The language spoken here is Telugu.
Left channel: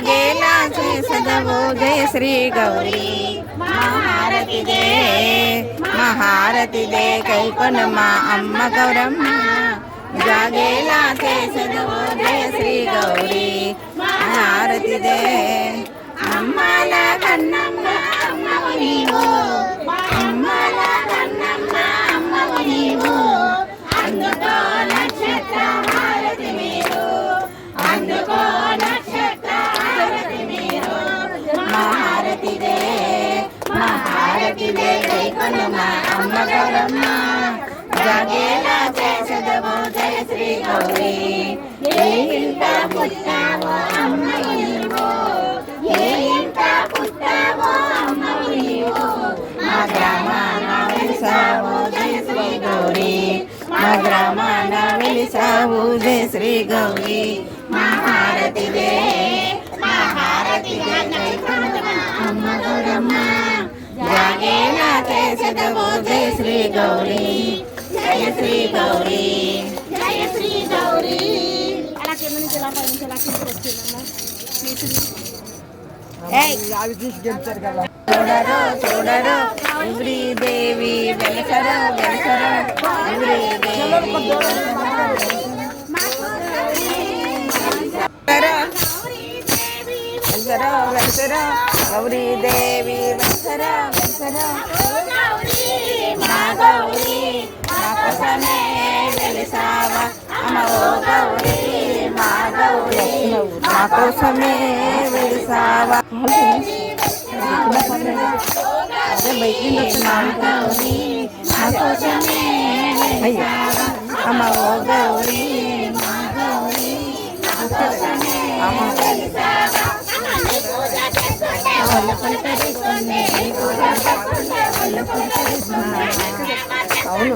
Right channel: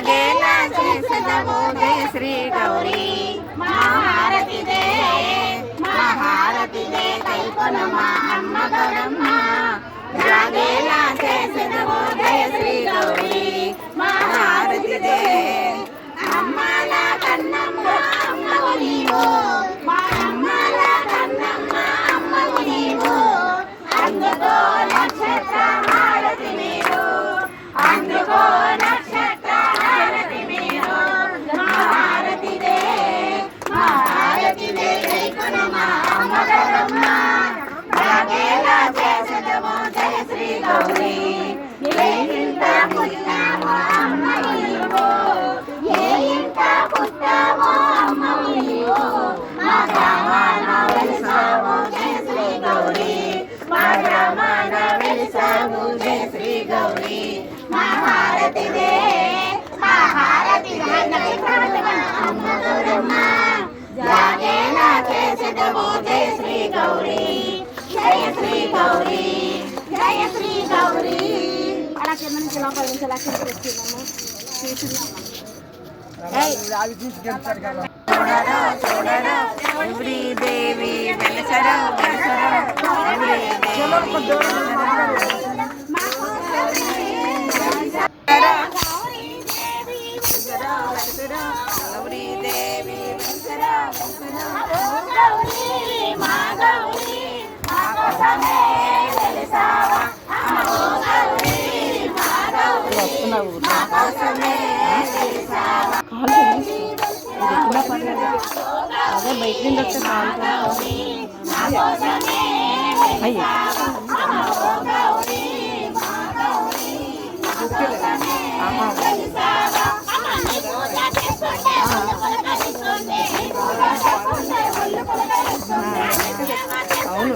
జాగేలా చేసదవు జయ శ్రీ గౌరీ మహారతి దే మహారతి దే కల్పనమా అమ్మ గౌరమ్మ జాగేలా చేసదవు జయ శ్రీ గౌరీ మహారతి దే అమ్మల కన్నమ్మ అమ్మవు నీవు అమ్మల కన్నమ్మ అమ్మవు నీవు అందుకో నక్షత్ర హారతి మీరు అందుకో నక్షత్ర హారతి మీరు మహారతి దే కైకొనమా అమ్మ గౌరమ్మ జాగేలా చేసదవు జయ శ్రీ గౌరీ ఏ ఇంట పుట్టావో అమ్మవు నీవు ఏ ఇంట పుట్టావో అమ్మవు నీవు మా గ్రామాన వెలిసావు జయ శ్రీ గౌరీ మా గ్రామాన వెలిసావు జయ శ్రీ గౌరీ మహారతి దే కైకొనమా అమ్మ గౌరమ్మ జాగేలా చేసదవు జయ శ్రీ గౌరీ జయ శ్రీ గౌరీ జయ శ్రీ గౌరీ. అలా కింద నుంచి ఇలా పైనుంచి ఇలా కింద వచ్చిందమ్మా చూడరు చూడరు గౌరీ దేవి వెలసరు వెలసరు గౌరీ గౌరీ దేవి వెలసరు వెలసరు మా గౌరీ మా కోసమే వెలిసావా అమ్మ గౌరీ మా గౌరీ మా కోసమే వెలిసావా అదే బయట నుండి వచ్చిన మా కోసమే వెలిసావా అమ్మ గౌరీ మా గౌరీ మా కోసమే వెలిసావా అవును